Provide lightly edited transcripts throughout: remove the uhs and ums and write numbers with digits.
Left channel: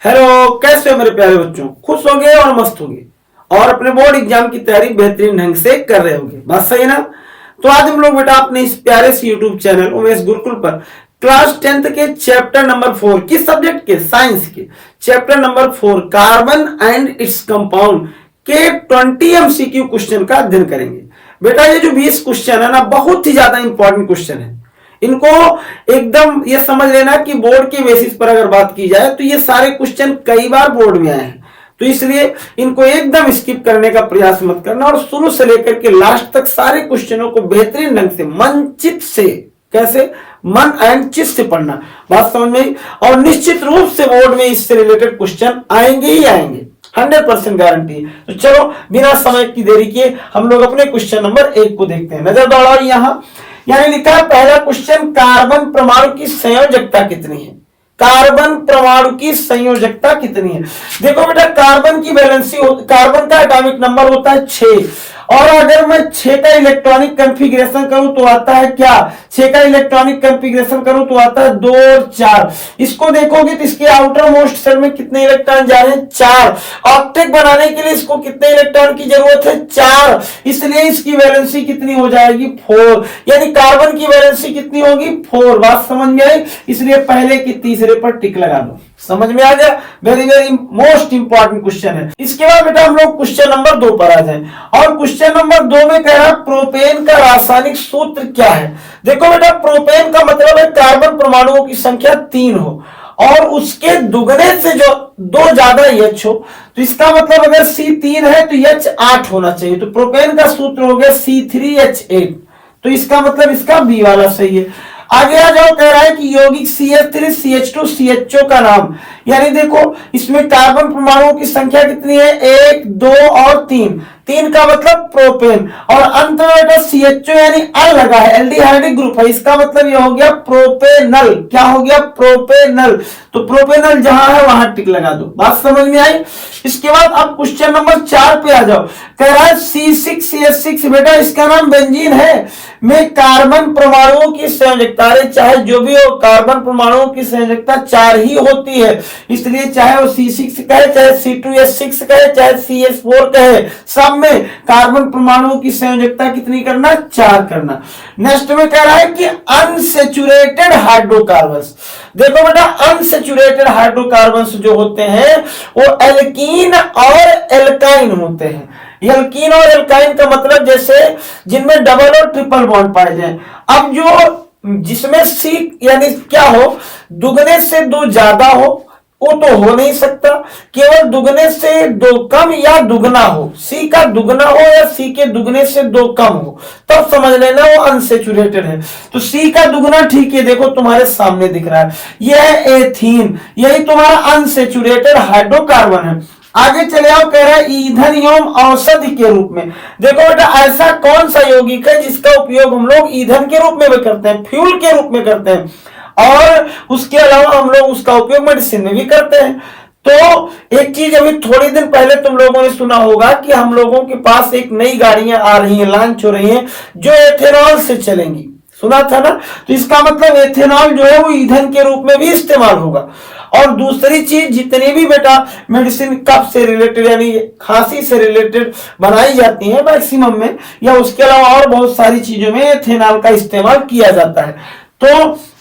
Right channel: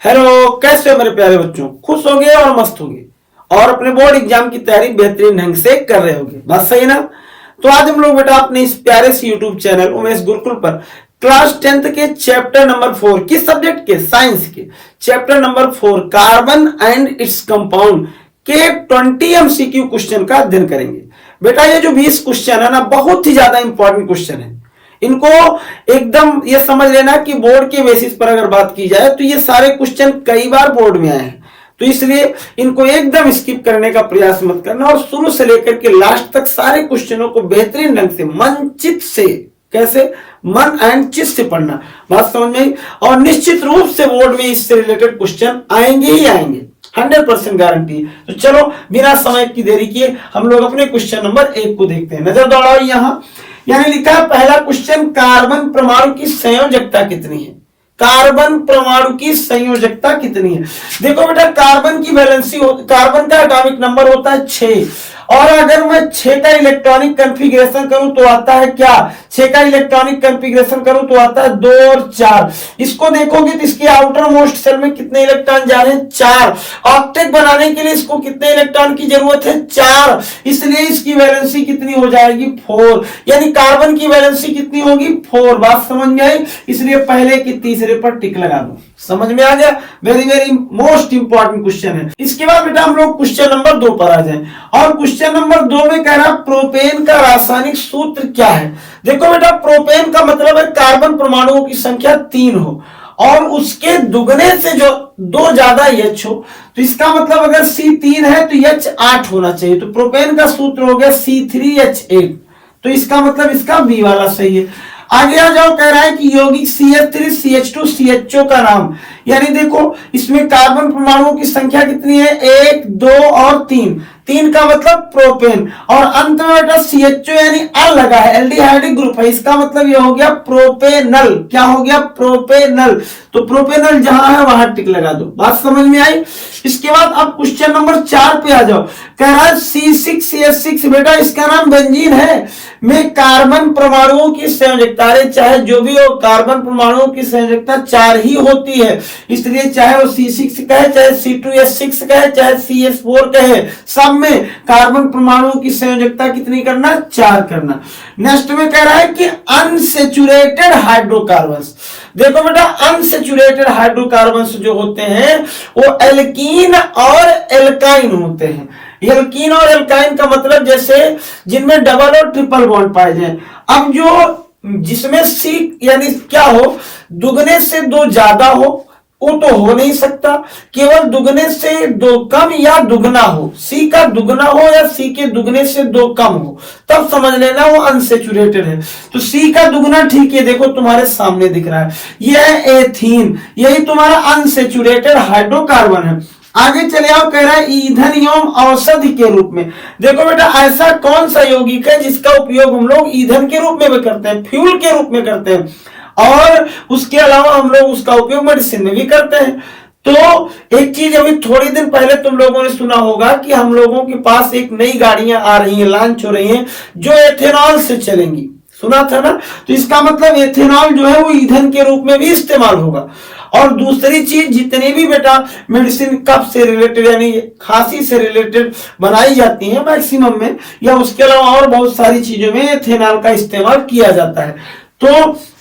Hello, कैसे हो मेरे प्यारे बच्चों? खुश होंगे और मस्त होंगे और अपने बोर्ड एग्जाम की तैयारी बेहतरीन ढंग से कर रहे होंगे। बात सही है ना? तो आज हम लोग बेटा अपने इस प्यारे से यूट्यूब चैनल उमेश गुरुकुल पर क्लास 10th के चैप्टर नंबर 4 किस सब्जेक्ट के? साइंस के chapter number 4 carbon and its compound के 20 MCQ क्वेश्चन का अध्ययन करेंगे। बेटा ये जो 20 क्वेश्चन है ना, बहुत ही ज्यादा इंपॉर्टेंट क्वेश्चन है। इनको एकदम ये समझ लेना कि बोर्ड के बेसिस पर अगर बात की जाए तो ये सारे क्वेश्चन कई बार बोर्ड में आए हैं, तो इसलिए इनको एकदम स्किप करने का प्रयास मत करना और शुरू से लेकर के लास्ट तक सारे क्वेश्चनों को बेहतरीन ढंग से मन चित से, कैसे मन एंड चित से पढ़ना। बात समझ में? और निश्चित रूप से बोर्ड में इससे रिलेटेड क्वेश्चन आएंगे ही आएंगे, 100% गारंटी। तो चलो बिना समय की देरी किए हम लोग अपने क्वेश्चन नंबर 1 को देखते हैं। नजर दौड़ाओ यहाँ, यानी लिखा है पहला क्वेश्चन, कार्बन परमाणु की संयोजकता कितनी है? कार्बन परमाणु की संयोजकता कितनी है? देखो बेटा, कार्बन की वैलेंसी, कार्बन का एटॉमिक नंबर होता है 6, और अगर मैं 6 का इलेक्ट्रॉनिक कंफिगरेशन करूं तो आता है क्या? 6 का इलेक्ट्रॉनिक कंफिगरेशन करूं तो आता है 2 और 4। इसको देखोगे तो इसके आउटर मोस्ट सेल में कितने इलेक्ट्रॉन जा रहे हैं? 4। ऑक्टेट बनाने के लिए इसको कितने इलेक्ट्रॉन की जरूरत है? 4। इसलिए इसकी वैलेंसी कितनी हो जाएगी? 4। यानी कार्बन की वैलेंसी कितनी होगी? 4। बात समझ में आई? इसलिए पहले की तीसरे पर टिक लगा दो। समझ में आ गया? Very very most important question है। इसके बाद बेटा हम लोग क्वेश्चन नंबर 2 पर आ जाएं, और क्वेश्चन नंबर 2 में कह रहा है प्रोपेन का रासायनिक सूत्र क्या है? देखो बेटा, प्रोपेन का मतलब है कार्बन परमाणुओं की संख्या 3 हो और उसके दुगने से जो 2 ज्यादा H हो, तो इसका मतलब अगर C3 है तो H 8 होना चाहिए। तो प्रोपेन का सूत्र हो गया C3H8, तो इसका मतलब इसका बी वाला सही है। आगे आ जाओ, कह रहा है कि यौगिक CH3 CH2 CHO का नाम, यानी देखो इसमें कार्बन परमाणुओं की संख्या कितनी है? 1 2 और 3। 3 का मतलब प्रोपेन, और अंत में बेटा CHO यानी अल लगा है, एल्डिहाइडिक ग्रुप है, इसका मतलब यह हो गया प्रोपेनल। क्या हो गया? प्रोपेनल। तो प्रोपेनल जहां है वहां टिक लगा दो। बात समझ में आई? इसके बाद अब क्वेश्चन नंबर 4 पे आ जाओ, कह रहा है C6CH6, बेटा इसका नाम बेंजीन है, में कार्बन परमाणुओं की संयोजकता, चाहे जो भी हो कार्बन परमाणुओं की संयोजकता 4 ही होती है, इसलिए चाहे वो C6 कहे, चाहे C2H6 कहे, चाहे CH4 कहे, सब में कार्बन परमाणुओं की संयोजकता कितनी करना? 4 करना। नेक्स्ट में कह रहा है कि अनसेचुरेटेड हाइड्रोकार्बन्स, देखो बेटा अनसेचुरेटेड हाइड्रोकार्बन्स जो होते हैं वो एल्कीन और एल्काइन होते हैं। एल्कीन और एल्काइन का मतलब जैसे जिनमें डबल और ट्रिपल बॉन्ड पाए जाए। अब जो जिसमें C यानी क्या हो, दुगने से 2 ज्यादा हो, वो तो हो नहीं सकता, केवल दुगने से 2 कम या दुगना हो, C का दुगना हो या C के दुगने से 2 कम हो, तब समझ लेना वो अनसेचुरेटेड है। तो C का दुगना ठीक है, देखो तुम्हारे सामने दिख रहा है, यह है एथीन, यही तुम्हारा अनसेचुरेटेड हाइड्रोकार्बन है। आगे चले आओ, कह रहा है ईंधन एवं औषधि के रूप में। देखो बेटा, ऐसा कौन सा यौगिक है जिसका उपयोग हम लोग ईंधन के रूप में भी करते हैं, फ्यूल के रूप में करते हैं, और उसके अलावा हम लोग उसका उपयोग मेडिसिन में भी करते हैं। तो एक चीज अभी थोड़ी दिन पहले तुम लोगों ने सुना होगा कि हम लोगों के पास एक नई गाड़ियां आ रही हैं, लॉन्च हो रही हैं, जो एथेनॉल से चलेंगी, सुना था ना? तो इसका मतलब एथेनॉल जो है वो ईंधन के रूप में भी इस्तेमाल होगा। और दूसरी चीज, जितनी भी बेटा मेडिसिन कफ से रिलेटेड यानी खांसी से रिलेटेड बनाई जाती है मैक्सिमम में, या उसके अलावा और बहुत सारी चीजों में एथेनॉल का इस्तेमाल किया जाता है। तो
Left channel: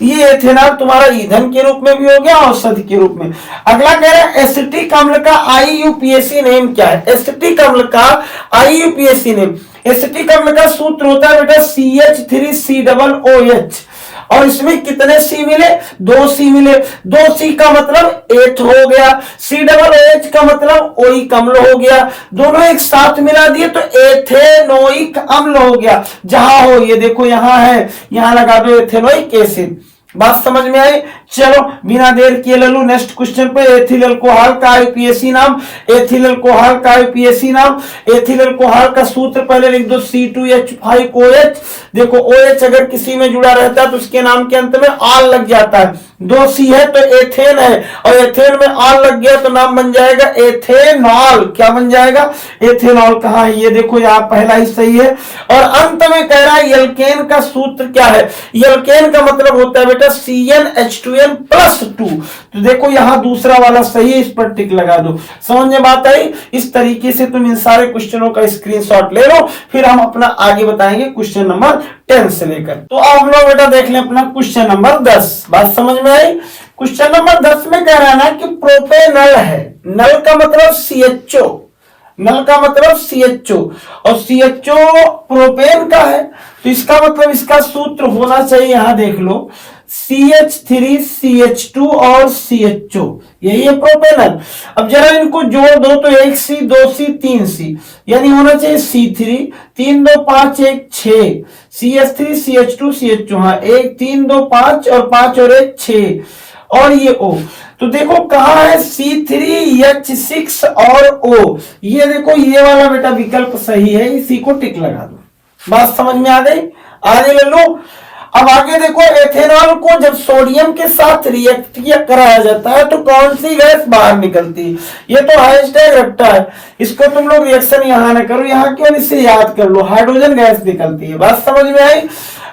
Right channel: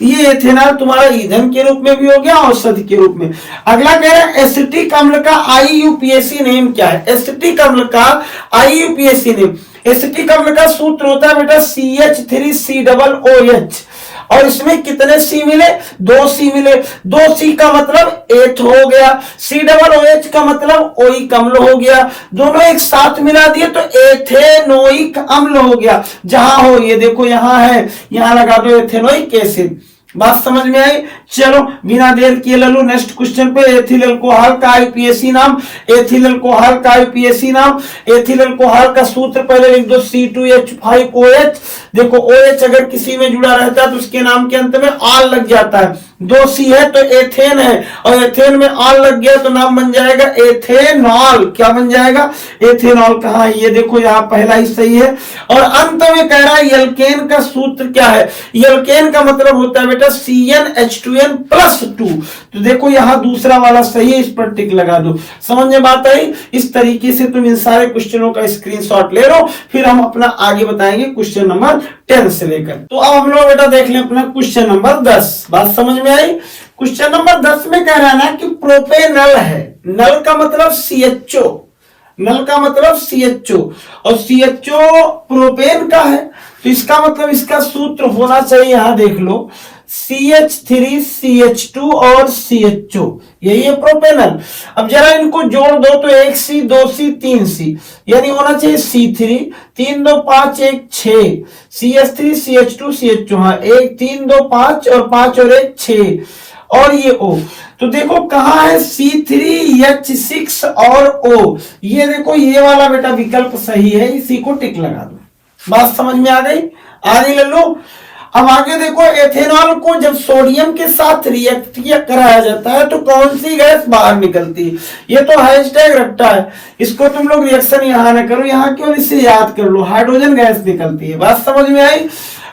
ये एथेनॉल तुम्हारा ईंधन के रूप में भी हो गया, औषधि के रूप में। अगला कह रहा है एसिटिक अम्ल का IUPAC नेम क्या है? एसिटिक अम्ल का IUPAC नेम, एसिटिक अम्ल का सूत्र होता है बेटा CH3COOH, और इसमें कितने C मिले? 2 C मिले। 2 C का मतलब एथ हो गया, COOH का मतलब ओइक अम्ल हो गया, दोनों एक साथ मिला दिए तो एथेनोइक अम्ल हो गया। जहां हो, ये देखो यहां है, यहां लगा दो एथेनोइक एसिड। बात समझ में आई? चलो बिना देर किए ले लो नेक्स्ट क्वेश्चन पे। एथिल अल्कोहल का IUPAC नाम, एथिल अल्कोहल का IUPAC नाम, एथिल अल्कोहल का सूत्र पहले लिख दो C2H5OH। देखो OH अगर किसी में जुड़ा रहता है तो उसके नाम के अंत में आल लग जाता है, दो सी है तो एथेन है, और एथेन में ऑल लग गया तो नाम बन जाएगा एथेनॉल। क्या बन जाएगा? एथेनॉल। कहा है? ये देखो यहाँ पहला ही सही है। और अंत में कह रहा है एल्केन का सूत्र क्या है? एल्केन का मतलब होता है बेटा CnH2n+2। तो देखो यहाँ दूसरा वाला सही है, इस पर टिक लगा दो। समझ में बात आई? इस तरीके से तुम इन सारे क्वेश्चनों का स्क्रीनशॉट ले लो, फिर हम अपना आगे बताएंगे क्वेश्चन नंबर 10 से लेकर। तो अब हम लोग बेटा देख लें अपना क्वेश्चन नंबर 10। बात समझ में आई? क्वेश्चन नंबर 10 में कह रहा है ना कि प्रोपेनल है। नल का मतलब CHO, नल का मतलब CHO, और CHO प्रोपेन का है, तो इसका मतलब इसका सूत्र होना चाहिए, यहां देख लो, CH3 CH2 और CHO, यही है प्रोपेनल। अब जरा इनको जोड़ दो तो 1C 2C 3C, यानी होना चाहिए C3, 3 2 5 1 6, CH3 CH2 CH2, हाँ 1 3 2 5 और 5 और 1 6, और ये O। तो देखो कहा है C3H6 और O, ये देखो ये वाला बेटा विकल्प सही है, इसी को टिक लगा दो। बात समझ में आ गई? आगे ले लो। अब आगे देखो, एथेनॉल को जब सोडियम के साथ रिएक्ट कराया जाता है तो कौन सी गैस बाहर निकलती है? ये तो हैशटैग रट्टा है, इसको तुम लोग रिएक्शन यहां ना करो, यहां क्यों, इसे याद कर लो, हाइड्रोजन गैस निकलती है। बात समझ में आई?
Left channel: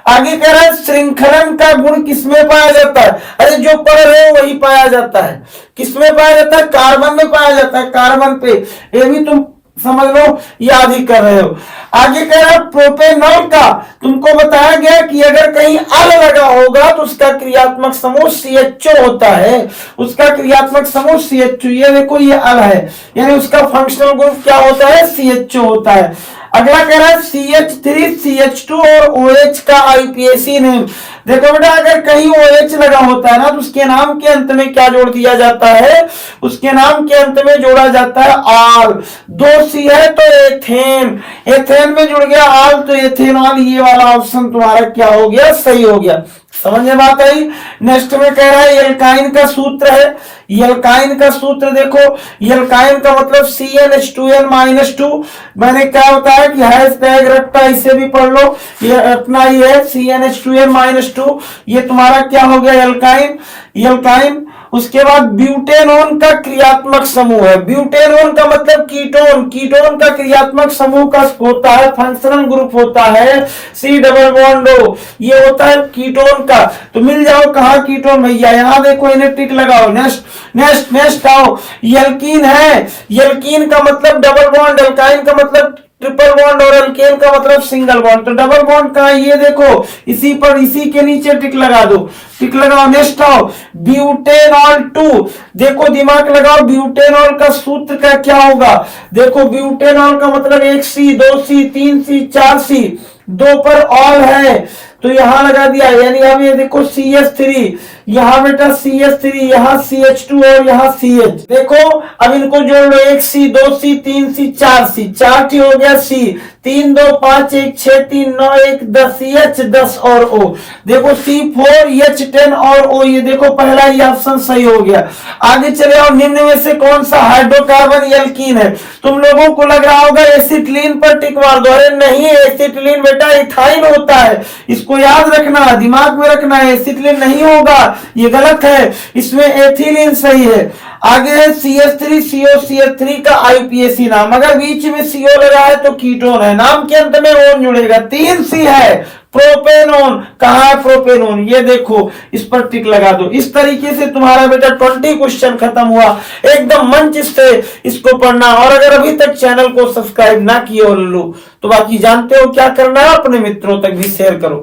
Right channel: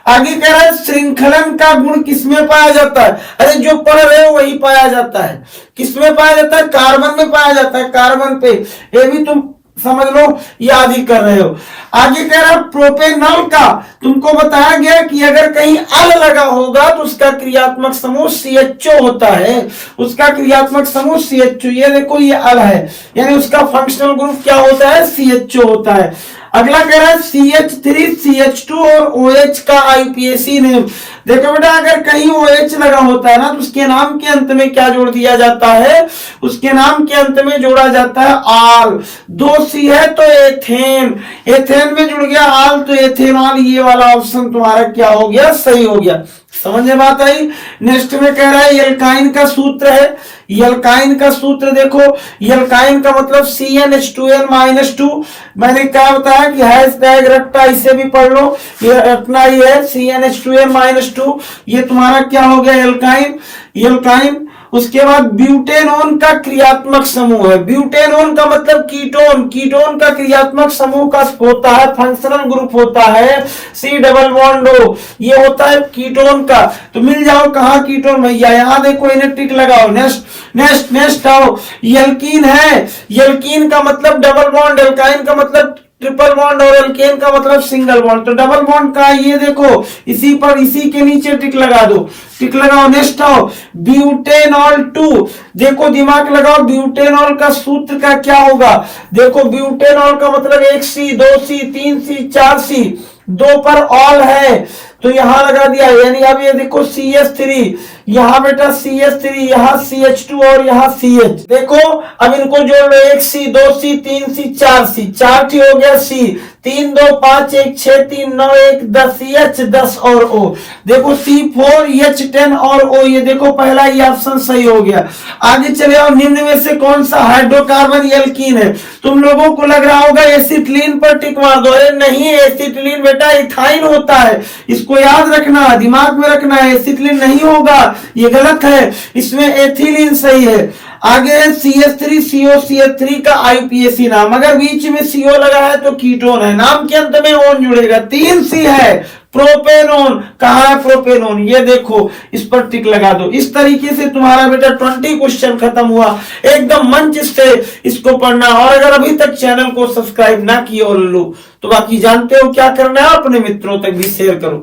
आगे कह रहा है श्रृंखलन का गुण किसमें पाया जाता है? अरे जो पढ़ रहे हो वही पाया जाता है। किसमें पाया जाता है? कार्बन में पाया जाता है, कार्बन पे। ये भी तुम समझ लो, याद ही कर रहे हो। आगे कह रहा है प्रोपेनॉल का तुमको बताया गया कि अगर कहीं अल लगा होगा तो उसका क्रियात्मक समूह CHO होता है, उसका क्रियात्मक समूह CHO। ये देखो ये अल है, यानी उसका फंक्शनल ग्रुप क्या होता है? CHO होता है। अगला कह रहा है CH3 CH2 और OH का IUPAC नेम। देखो बेटा, अगर कहीं OH लगा होता है ना तो उसके नाम के अंत में क्या जोड़ दिया जाता है? उसके नाम के अंत में जोड़ा जाता है आल। 2C है तो एथेन, एथेन में जुड़ गया आल तो एथेनॉल। ये वाला ऑप्शन तुम्हारा क्या हो गया? सही हो गया। समझ में बात आई? नेक्स्ट में कह रहा है एल्काइन का सूत्र है। एल्काइन का सूत्र देखो, एल्काइन का मतलब CnH2n-2। मैंने क्या होता है कि हैशटैग रट्टा, इसे भी पढ़ लो, ये रटना ही है, CnH2n-2। ये तुम्हारा क्या हो गया? एल्काइन। एल्काइन। उसके बाद ब्यूटेनोन का क्रियात्मक समूह है। ब्यूटेनोन का मतलब कीटोन, कीटोन का क्रियात्मक समूह का होता है, फंक्शनल ग्रुप होता है C+O। ये होता है कीटोन का। तो मिल जाओ कहा कीटोन भैया, यहां देखो, इन्हें टिक लगाओ। नेक्स्ट आओ, एल्कीन है। एल्कीन का मतलब डबल बॉन्ड, एल्काइन का मतलब ट्रिपल बॉन्ड, और एल्केन का मतलब सिंगल बॉन्ड। तो डबल बॉन्ड का ये देखो, इसी पर, इसी के नीचे टिक लगा दो, टिक लगाओ। नेक्स्ट आओ, ब्यूटेनॉल 2। देखो दिमाग लगाओ, ब्यूटेनॉल का सूत्र का क्या होगा? देखो ब्यूटेनॉल का मतलब 1C 2C 3C 4C, 2 पर ऑल है तो यहां लगा दिया, यानी अब ये देखो CH3, यहां बेटा CH3, यहां CH2 और यहां CH। देखो अब इनको जोड़ लो, 1C 2C 3C 4C, 4 हो गया C, 3 2 5 1 6 3 9 1 10 CH 10 और O। देखो C4H10 और O, ये देखो पहला ही ऑप्शन सही हो गया। आगे चले आओ, निम्न में से कौन सा हाइड्रोकार्बन एल्कीन है? तुम लोगों को लग रहा होगा एसिटिलीन पर टिक मार दो। अरे नहीं, एसिटिलीन बेटा इथाइन होता है, इसको याद रखना, दिमाग में रखना है। एसिटिलीन नहीं होगा, ये गलत है, इसमें एथिलीन सही है। आगे है CH3 CO, CH3 का IUPAC नाम, अगर बीच में CO लगा है तो कीटोन है, नाम के अंत में ओन जुड़ेगा। 3C है प्रोपेनोन। कहा है प्रोपेनोन? ये देखो, इस पर टिक लगा दो। इस तरीके से तुम्हारा बेटा 20 क्वेश्चन खत्म हुआ, एकदम मंच से इसको पढ़ना। और अगर अभी तक चैनल को सब्सक्राइब ना किए हो लो तो बाकी जानते हो क्या करना है, अपने मित्रों तक भी शेयर करो।